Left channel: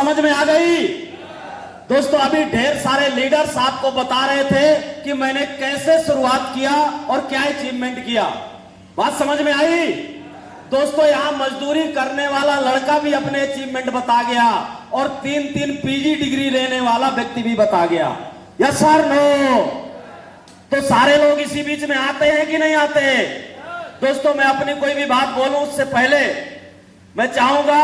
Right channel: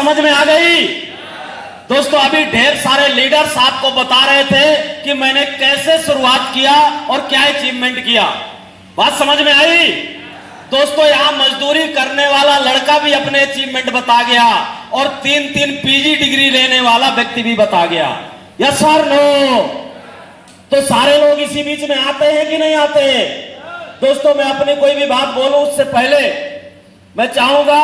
समझ में आ गई? दोस्तों अभी ढेर सारे लीडर्स आपको बता रहे थे कि मैंने कैसे शुरुआत किया और क्या अचीवमेंट किया। बात समझ में आई? दोस्तों यहां मजदूरी करने वाला लड़का भी अपने अचीवमेंट बता गया और 3-3 पीजी डिग्री लेने वाला व्यक्ति भी बता गया। Yes sir no? तो सारे लोग इसी बीच में आते हैं कि नहीं आते? दोस्तों मैं अपनी कोई भी बात बोलूं उससे पहले मैं चाहूंगा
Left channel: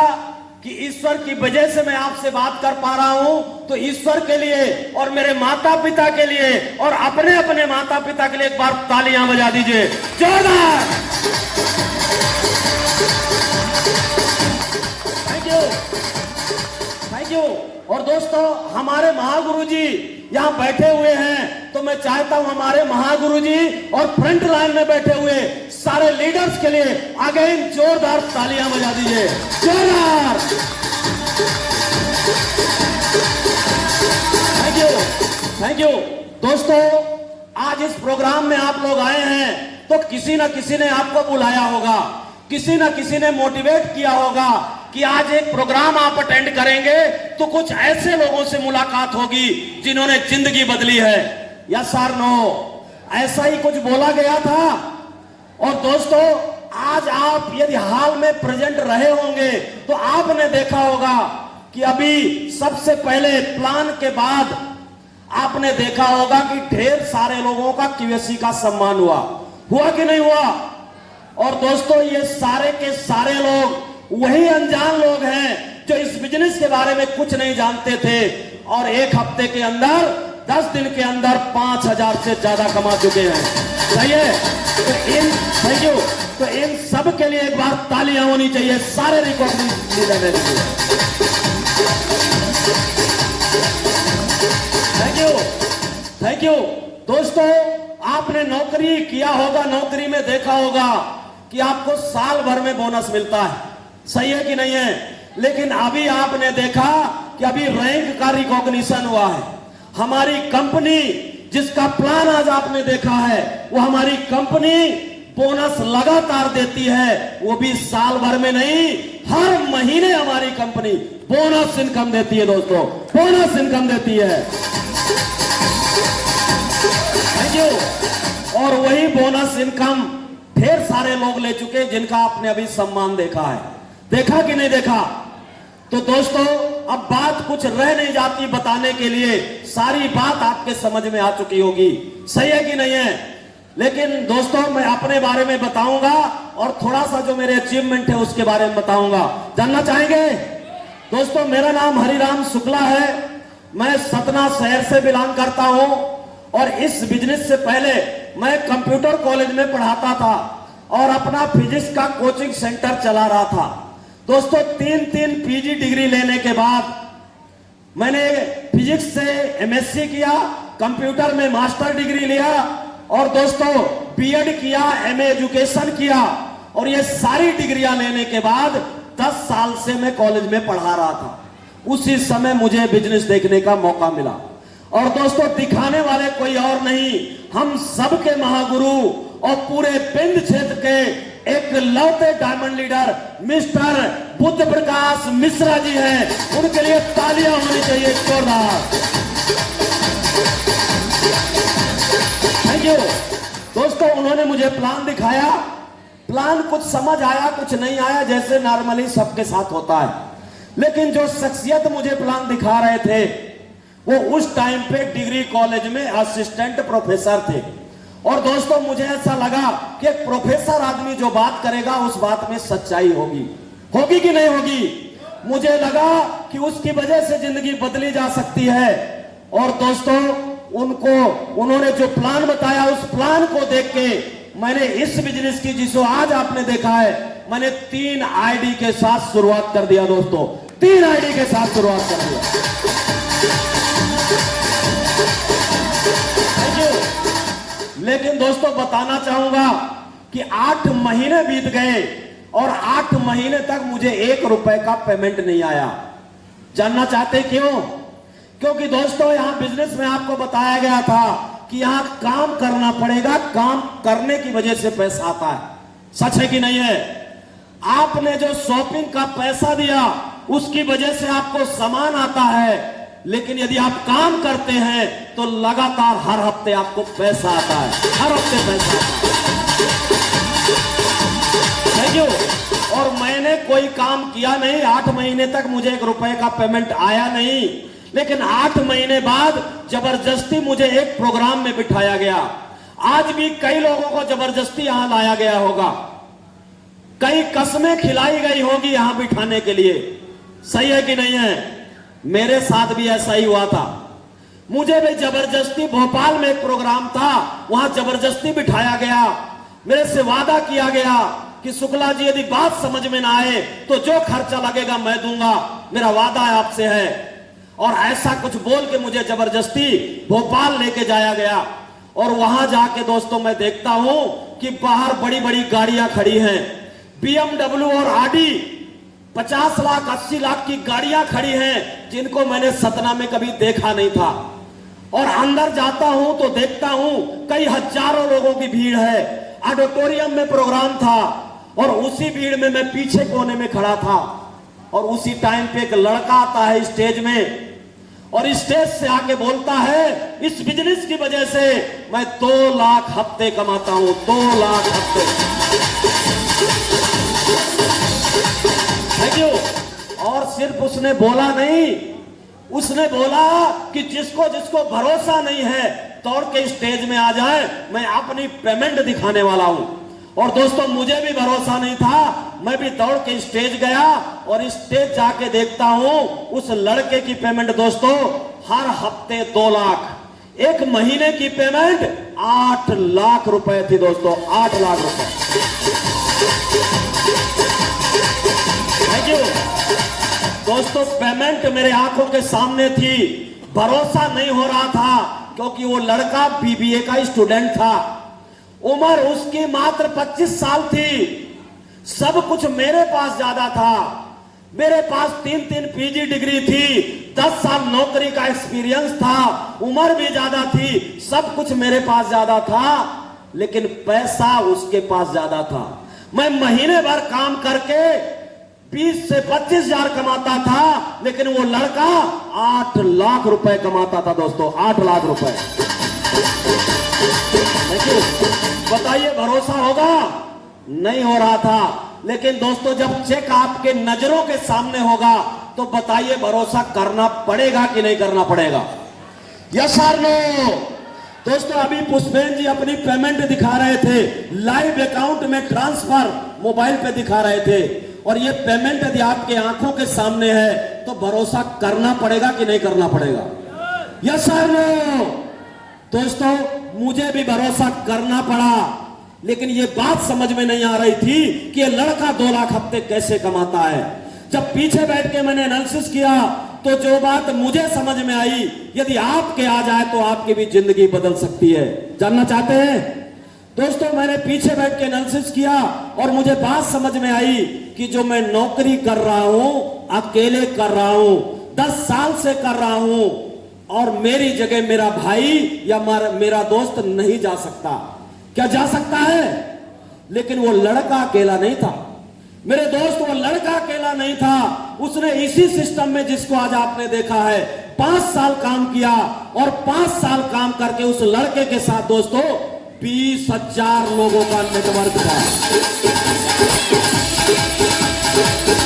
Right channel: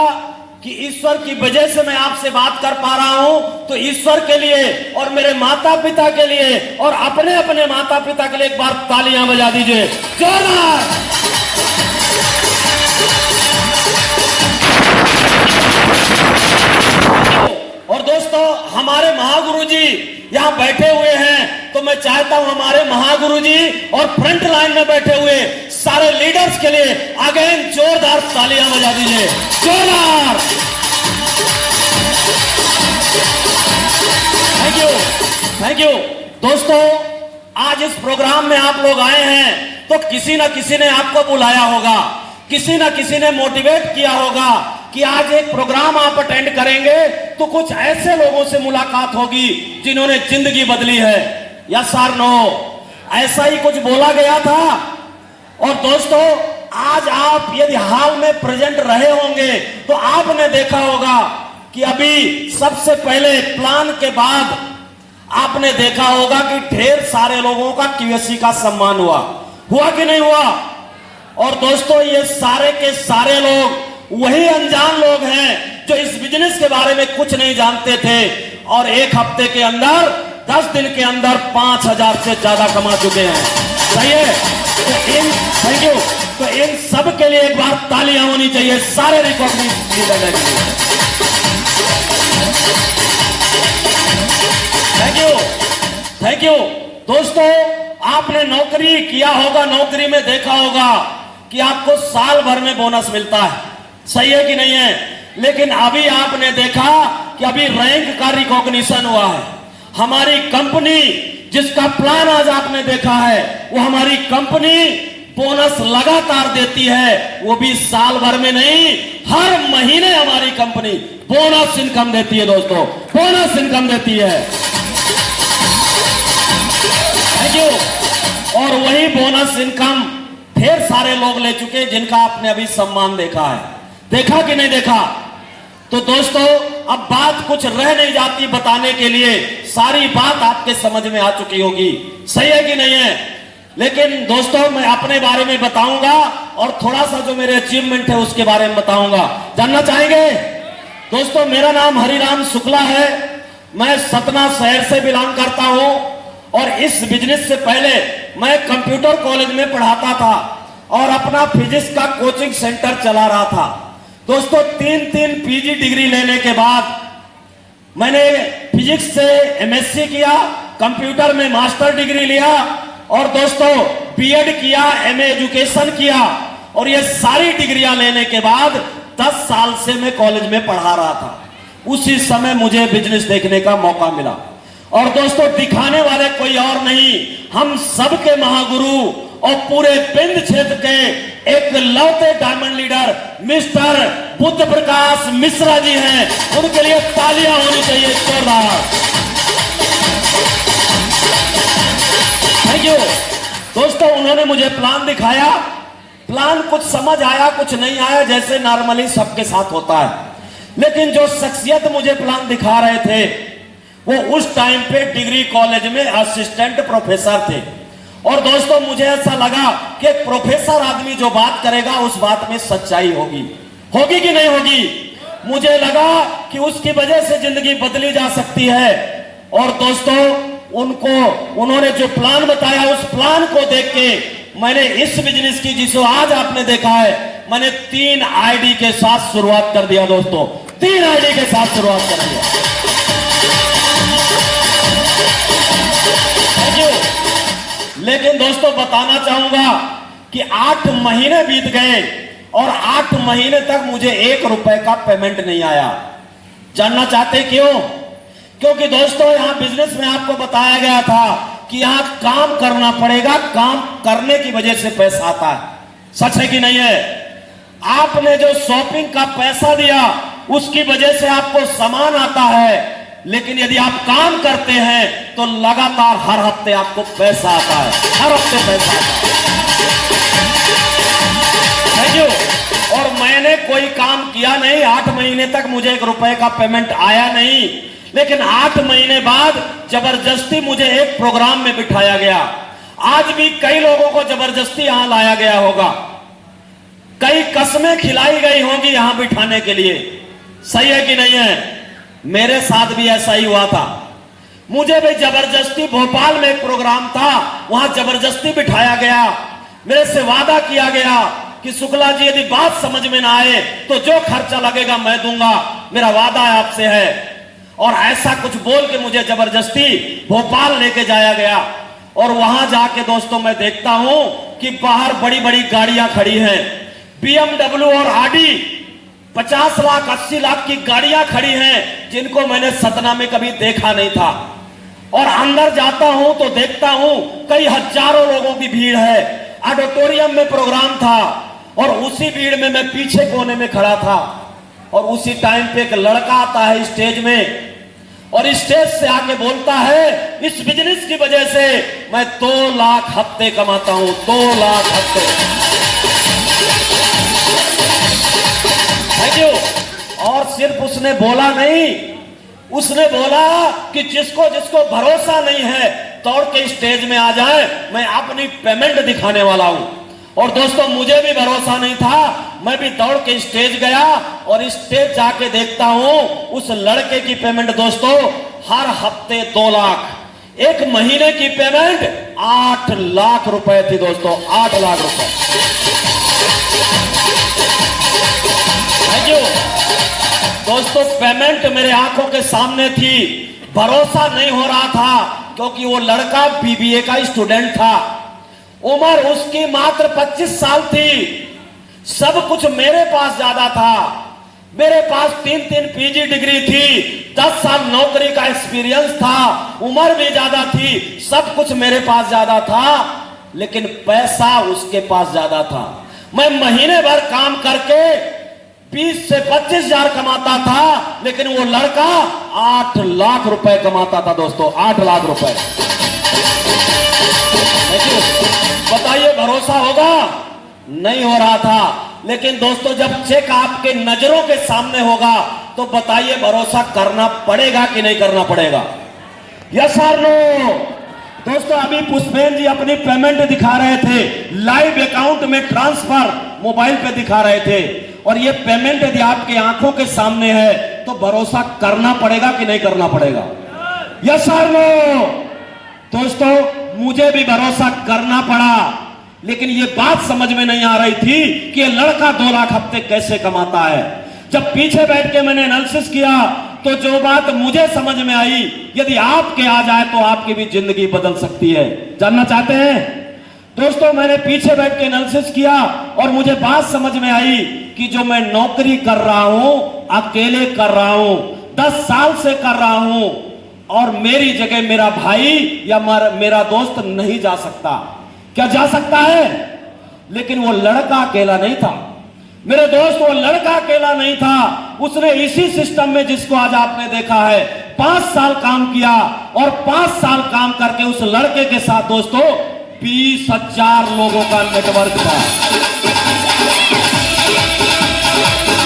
कि ईश्वर की वजह से मैं आपसे बात कर पा रहा हूं, तो ईश्वर के लिए और मेरे माता पिता के लिए और अपने अपने माता पिता के लिए एक बार तालियां बजा दीजिए। जोरदार! और दोस्तों हमारे महागुरु जी यहां बैठे हुए हैं, तो मैं चाहता हूं हमारे महागुरु जी और फ्रंट लाइन में बैठे हुए सारे लीडर्स के लिए अगेन जोरदार तालियां बजा दीजिए। जोरदार! Thank you, thank you. दोस्तों आज इस प्रोग्राम में आप लोग आए हैं तो किसी ना किसी ने आपको बुलाया होगा, किसी ना किसी ने मोटिवेट किया होगा कि आज एक प्रोग्राम आप अटेंड करेंगे तो कुछ ऐसे लोगों से मुलाकात होगी जिन्होंने जिंदगी बदली है। Yes sir no? ऐसा ही कुछ बोला गया था। और दोस्तों आज आप यदि हाल में प्रेजेंट रहे होंगे तो आपने देखा होगा कि अभी सबसे पहले प्लान के बाद आपने देखा होगा कि ढेर सारे लोगों का QSC का सम्मान हुआ कि नहीं हुआ? और दोस्तों ये सारे के सारे लोग वही अनजान लोग हैं जो इस बिजनेस के बारे में कुछ नहीं जानते थे और एक हफ्ते के अंदर 10 दिन के अंदर 5000 से ज्यादा कमा चुके हैं। सही है? Thank you. तो इन सब के लिए एक बार तालियां होनी चाहिए सारे रिकॉर्डिंग करने के लिए। Thank you, thank you. दोस्तों आपने नौकरी किया होगा, नौकरी में देखा होगा कि आपको साल भर में बोनस मिलता है। सही है कि नहीं है? लेकिन अभी आपने देखा कि अभी रैंक का रिकॉग्निशन हुआ है। हमारी कंपनी जिसका प्लान आज आपने देखा है वो हमारी कंपनी बोनस लगातार देती है, वो भी साल भर में नहीं, हर महीने हमारी कंपनी बोनस इनकम देती है। दोस्तों बोनस इनकम देती है। Thank you. और वही बोनस इनकम ढेर सारे लोग ले चुके हैं जिनका आपने अभी सम्मान देखा है। देखा कि नहीं देखा? तो दोस्तों अब बात कुछ रह नहीं जाती बताने के लिए, सारी बात आपके समझ में आ चुकी होगी। सही है कि नहीं है? लेकिन दोस्तों मैं अपने बारे में बताऊंगा और थोड़ा सा जो मेरे अचीवमेंट है उसके बारे में बताऊंगा। जानना चाहेंगे? दोस्तों मेरा नाम हरिराम शुक्ला है, मैं सतना शहर से बिलोंग करता हूं और इस बिजनेस से पहले मैं कंप्यूटर कॉलेज में पढ़ाता था और अपना फिजिक्स का कोचिंग सेंटर चला रहा था। दोस्तों 3-3 पीजी डिग्री लेने के बाद मैंने फिजिक्स से MSc किया, कंप्यूटर में मास्टर डिग्री लिया और दोस्तों BEd किया, MA एजुकेशन किया और ये सारी डिग्रियां लेने के बाद 10 साल से मैं कॉलेज में पढ़ा रहा था। उसी समय मुझे बिजनेस देखने का मौका मिला और दोस्तों दिखाने वाले कोई और नहीं, हम सबके महागुरु और पूरे बिंद क्षेत्र के एक लौटे diamond leader mister Buddha Prakash Mishra ji हैं। उनके लिए तालियां होनी चाहिए जोरदार। Thank you. दोस्तों उन्होंने मुझे प्लान दिखाया, प्लान कुछ समझ आया कुछ नहीं आया, जैसे नॉर्मली सबके साथ होता है। लेकिन जो शख्सियत मुझे प्लान दिखा रहे थे वो उस टाइम पे डिग्री कॉलेज में असिस्टेंट प्रोफेसर थे और दोस्तों मुझे ऐसा लगा कि एक प्रोफेसर आदमी जो बात करेगा उस बात में सच्चाई होगी कि नहीं होगी। मुझे लगा कि उसकी वजह से जिंदगी बदली जा सकती है और दोस्तों उन्होंने जो प्लान बताया उस प्लान को देख के मैंने इस बिजनेस की जिसको आज आपने देखा है, मैंने 3 आईडी के साथ शुरुआत कर दिया। दोस्तों 3 आईडी के साथ शुरुआत कर दिया। लेकिन दोस्तों बताना चाहूंगा कि 8 महीने बीत गए और 8 महीने तक मुझे 1 रुपए का पेमेंट नहीं आया। जानना चाहते क्यों? क्योंकि दोस्तों यहां बिजनेस में आपको बताया गया था कि यहां काम करना पड़ेगा, काम करने की वजह से पैसा आता है। सच है कि नहीं है? आपने जो शॉपिंग का पैसा दिया उसकी वजह से आपको सामान आता है, लेकिन यदि आप काम करते हैं तो लगातार हर हफ्ते आपको पैसा आता है, हर हफ्ते पैसा आता है। Thank you. और मैंने कोई काम किया नहीं, 8 महीने तक मुझे 1 रुपए का पेमेंट आया नहीं, लेकिन 8 महीने बाद जबरदस्ती मुझे एक प्रोग्राम में बिठाया गया। आज भी कई लोगों को जबरदस्ती यहां लाया गया होगा, कई कस्में खिलाई गई होंगी यहां बिठाने के लिए। सही है कि नहीं है? मेरे साथ भी ऐसा ही हुआ था। मुझे भी जबरदस्ती, भोपाल में एक प्रोग्राम था, वहां जबरदस्ती बिठाया गया। मेरे से वादा किया गया कि शुक्ला जी यदि बात समझ में ना आए तो जो खर्चा लगेगा मैं दूंगा, मेरा वादा है आपसे है। और ऐसा कुछ बोल के मुझे जबरदस्ती भोपाल लेके जाया गया। और वहां जाके दोस्तों मैं देखता हूं कि बाहर बड़ी बड़ी गाड़ियां खड़ी हैं, BMW और आडी 50 लाख 80 लाख की गाड़ियां खड़ी हैं, जिनको मैंने सतना में कभी देखा नहीं था। और अंदर जाता हूं तो देखता हूं कई हजारों लोगों की भीड़ है। ऑडिटोरियम में प्रोग्राम था और उसी भीड़ में मैं पीछे कोने में खड़ा था। और उसी टाइम पे एक लड़का आता है स्टेज में और स्टेज से आके बोलता है, इस बिजनेस की वजह से मैं 2 लाख हफ्ते कमाता हूं, 2 लाख हफ्ते। Thank you. और सिर्फ उसने बोला नहीं, उसने बोला कि जिसको जिसको भरोसा नहीं है दौड़ के स्टेज में आ जाए, मैं अपनी पेमेंट दिखाने वाला हूं। और दोस्तों मुझे भी भरोसा नहीं था, मैं भी दौड़ के स्टेज गया और स्टेज जाके देखता हूं उस लड़के की पेमेंट दोस्तों हर हफ्ते 2 लाख, एक महीने की पेमेंट 8 लाख रुपए थी दोस्तों, 8 लाख रुपए। थैंक यू दोस्तों। पेमेंट मेरे आंखों के सामने थी, भरोसा नहीं हो रहा था क्योंकि वो लड़का BBA का स्टूडेंट था, उम्र उसकी मात्र 25 साल थी। सब कुछ मेरे पास ज्यादा था, मेरे पास 3-3 PG डिग्री थी, 10 साल नौकरी का एक्सपीरियंस था, उम्र भी ज्यादा थी, सब कुछ मेरे पास ज्यादा था, लेकिन पैसा उसके पास ज्यादा था। मैं महीने भर काम करके 20 से 25 हजार कमाता था, लेकिन वो लड़का 8 लाख रुपए कमाता था दोस्तों, 8 लाख रुपए। बताइए भरोसा होगा? नहीं हो रहा था। लेकिन दोस्तों जब चेक आपके नजरों के सामने होगा तो बताइए भरोसा करना पड़ेगा कि नहीं करना पड़ेगा? यस और नो? दोस्तों अभी पुष्पेन जी अपनी पेमेंट दिखा रहे थे, लाइव अकाउंट में ट्रांसफर मोबाइल पे दिखा रहे थे। और ये पेमेंट यदि आपके आंखों के सामने है तो भरोसा करना पड़ेगा कि नहीं करना पड़ेगा? यस और नो? दोस्तों मुझे भी भरोसा करना पड़ा, लेकिन ये बात समझ में नहीं आ रही थी कि ये लड़का 2 लाख हफ्ते कैसे कमाता है। जब पीछे बैठ के मैंने एनालिसिस किया तो जो बात मुझे समझ में आई, यदि आपके आ जाए तो आपकी भी जिंदगी बदल सकती है। जानना चाहते हैं? दोस्तों मैंने पीछे बैठ के एनालिसिस किया और मुझे बात समझ में आई कि जो मैं नौकरी कर रहा हूं, अकेले कर रहा हूं, 10 साल से कर रहा हूं, और मेरी जगह मेरा भाई या मेरा दोस्त नहीं जा सकता। क्या जा सकता है? लेकिन वो लड़का अकेला नहीं था मेरे दोस्त, वो लड़का अकेला नहीं था। उसने इसी सिस्टम में, जिसको आज आपने देखा है, 5 साल काम किया और 5 साल काम करके उस लड़के के साथ दोस्तों 20,000 लोगों का नेटवर्क था।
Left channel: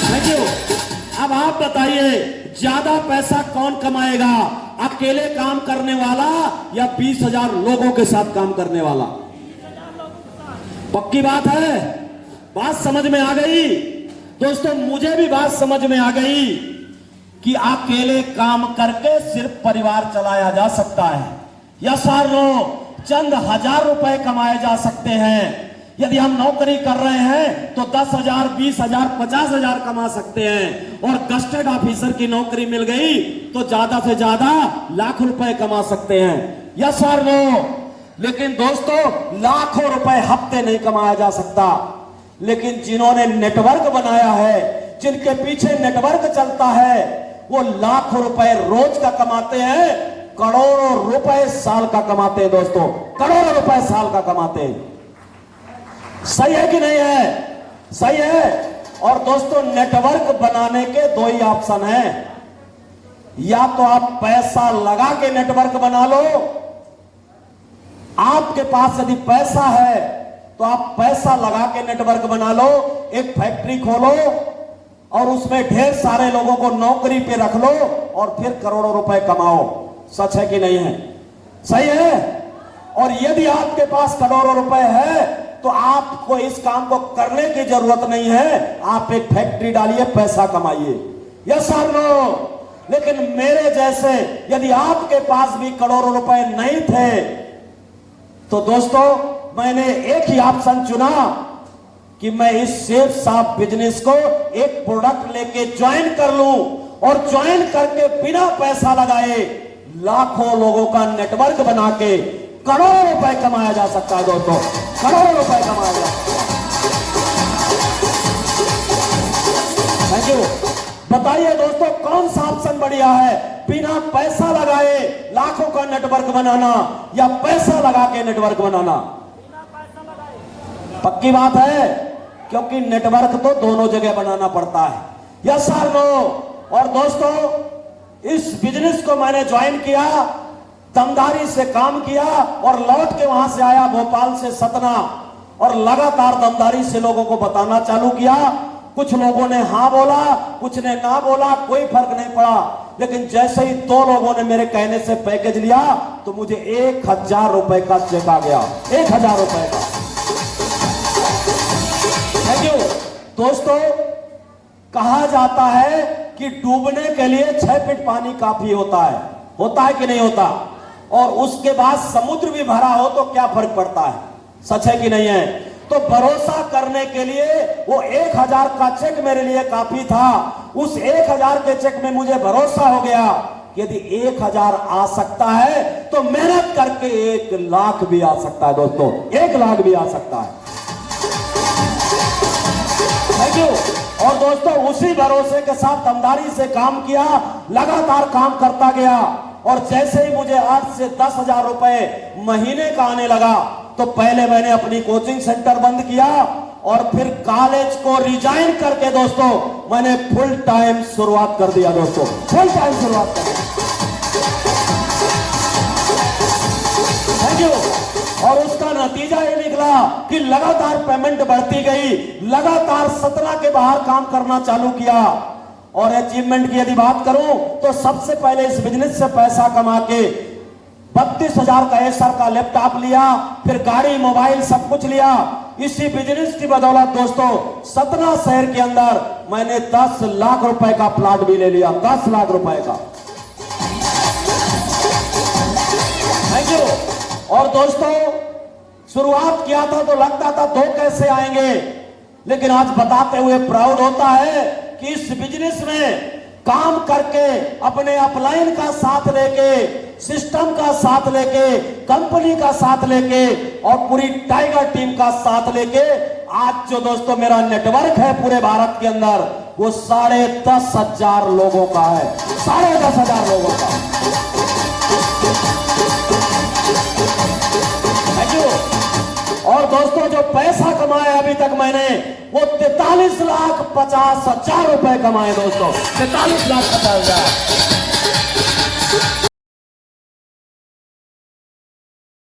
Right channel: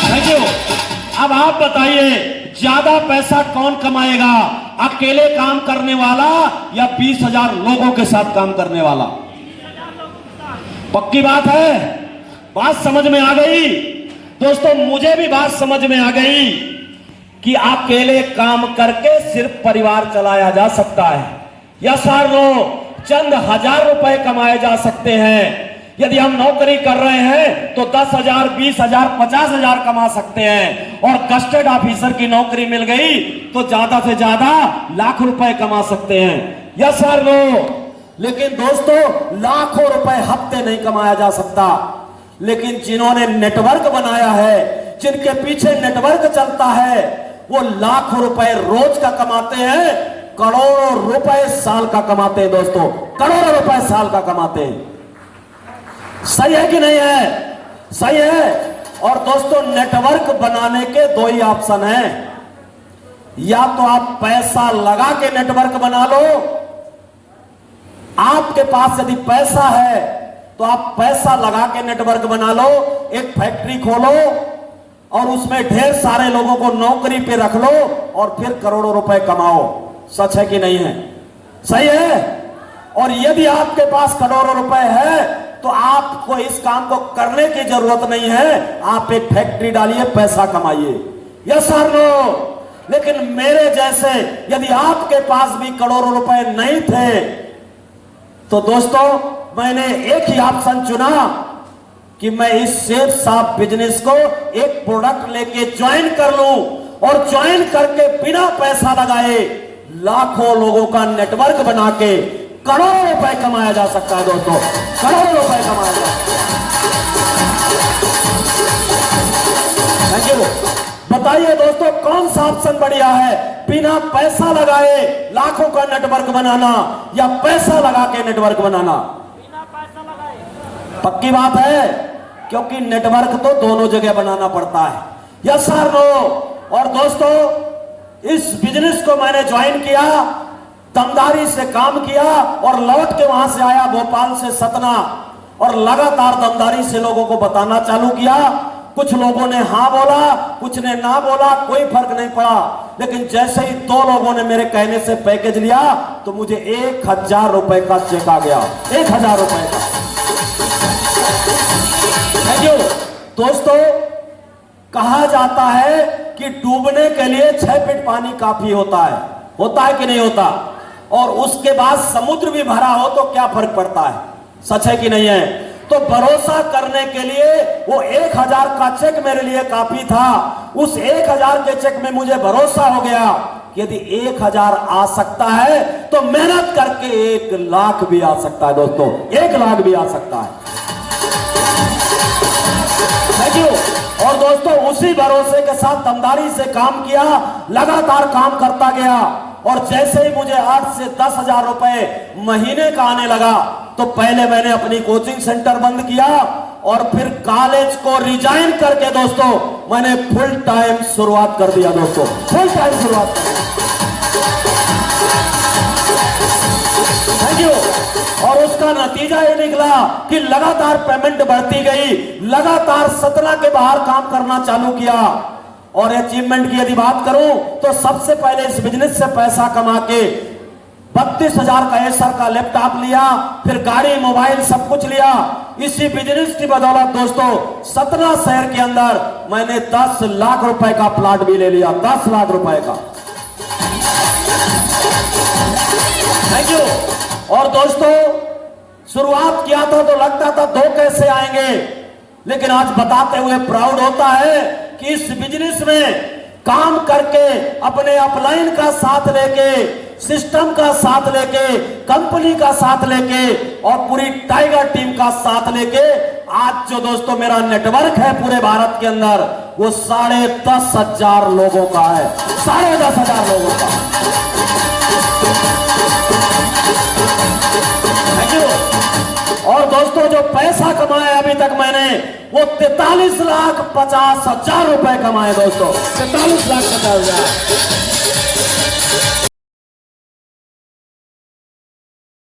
Thank you. अब आप बताइए ज्यादा पैसा कौन कमाएगा, अकेले काम करने वाला या 20,000 लोगों के साथ काम करने वाला? पक्की बात है? बात समझ में आ गई? दोस्तों मुझे भी बात समझ में आ गई कि अकेले काम करके सिर्फ परिवार चलाया जा सकता है। यस और नो? चंद हजार रुपए कमाए जा सकते हैं। यदि हम नौकरी कर रहे हैं तो 10,000, 20,000, 50,000 कमा सकते हैं, और कस्टर्ड ऑफिसर की नौकरी मिल गई तो ज्यादा से ज्यादा लाख रुपए कमा सकते हैं। यस और नो? लेकिन दोस्तों लाखों रुपए हफ्ते नहीं कमाया जा सकता, लेकिन जिन्होंने नेटवर्क बनाया है, जिनके पीछे नेटवर्क चलता है, वो लाखों रुपए रोज का कमाते हैं, करोड़ों रुपए साल का कमाते हैं दोस्तों, करोड़ों रुपए साल का कमाते हैं। सही है कि नहीं है? सही है। और दोस्तों नेटवर्क बनाने के दो ही ऑप्शन हैं, या तो आप पैसा लगा के नेटवर्क बना लो, आपके पास यदि पैसा है तो आप पैसा लगा के नेटवर्क बना लो, एक फैक्ट्री खोलो और उसमें ढेर सारे लोगों को नौकरी पे रख लो और फिर करोड़ों रुपए कमाओ। सच है कि नहीं है? सही है। और यदि आपके पास करोड़ों रुपए है तो आपको इस काम को करने की जरूरत नहीं है, आप एक फैक्ट्री डालिए, पैसा कमाइए। यस और नो? लेकिन मेरे जैसे यदि आपके पास भी करोड़ों रुपए नहीं थे तो दोस्तों मैंने एक ही ऑप्शन चुना कि मैं इस शेख साहब बिजनेस को एक प्रोडक्ट लेके ज्वाइन कर लूं और ज्वाइन करके बिना पैसा लगाए लाखों लोगों का नेटवर्क बना के करोड़ों रुपए कमाया जा सकता है। दोस्तों करोड़ों रुपए कमाया जा सकता है। बताइए दोस्तों कौन सा ऑप्शन बढ़िया है, बिना पैसा लगाए लाखों का नेटवर्क बनाना या पैसा लगा के नेटवर्क बनाना? बिना पैसा लगाए। पक्की बात है, क्योंकि नेटवर्क तो दोनों जगह बनाना पड़ता है। Yes sir no? और दोस्तों इस बिजनेस को मैंने ज्वाइन किया, दमदारी से काम किया और लौट के वहां से आया भोपाल से सतना और लगातार दमदारी से लोगों को बताना चालू किया। कुछ लोगों ने हां बोला, कुछ ने ना बोला, कोई फर्क नहीं पड़ा। लेकिन जैसे ही दो लोगों ने मेरे कहने से पैकेज लिया तो मुझे 1000 रुपए का चेक आ गया। 1000 रुपए का। Thank you. दोस्तों कहा जाता है कि डूबने के लिए 6 फीट पानी काफी होता है कि नहीं होता? और उसके बाद समुद्र भी भरा हो तो क्या फर्क पड़ता है? सच है कि नहीं है? तो भरोसा करने के लिए वो 1000 का चेक मेरे लिए काफी था। उस 1000 के चेक में मुझे भरोसा हो गया कि यदि 1000 आ सकता है तो मेहनत करके 1 लाख भी आ सकता है। दोस्तों 1 लाख भी आ सकता है। Thank you. और दोस्तों उसी भरोसे के साथ दमदारी से काम किया, लगातार काम करता गया और जैसे ही मुझे 8 से 10,000 रुपए महीने का आने लगा तो पहले मैंने अपनी कोचिंग सेंटर बंद किया और फिर कॉलेज को रिजाइन करके दोस्तों मैंने फुल टाइम शुरुआत कर दिया। दोस्तों फुल टाइम शुरुआत कर दी। Thank you. और उसका नतीजा ये निकला कि लगातार पेमेंट बढ़ती गई, लगातार सतना के बाहर काम करना चालू किया। और अचीवमेंट की यदि बात करूं तो सबसे पहले इस बिजनेस से पैसा कमा के 32,000 का एसर का लैपटॉप लिया, फिर गाड़ी मोबाइल सब कुछ लिया। इसी बिजनेस की बदौलत दोस्तों सतना शहर के अंदर मैंने 10 लाख रुपए का प्लॉट भी ले लिया। 10 लाख रुपए का। Thank you. और दोस्तों शुरुआत किया था तो लगता था 2 कैसे आएंगे, लेकिन आज बताते हुए प्राउड होता है कि इस बिजनेस में काम करके अपने अपलाइन का साथ लेके, सिस्टम का साथ लेके, कंपनी का साथ लेके और पूरी टाइगर टीम का साथ लेके आज जो दोस्तों मेरा नेटवर्क है पूरे भारत के अंदर वो 10,500 लोगों का है। 10,500 लोगों का। Thank you. और दोस्तों जो पैसा कमाया अभी तक मैंने वो 43,50,000 रुपए कमाए। दोस्तों 43,50,000।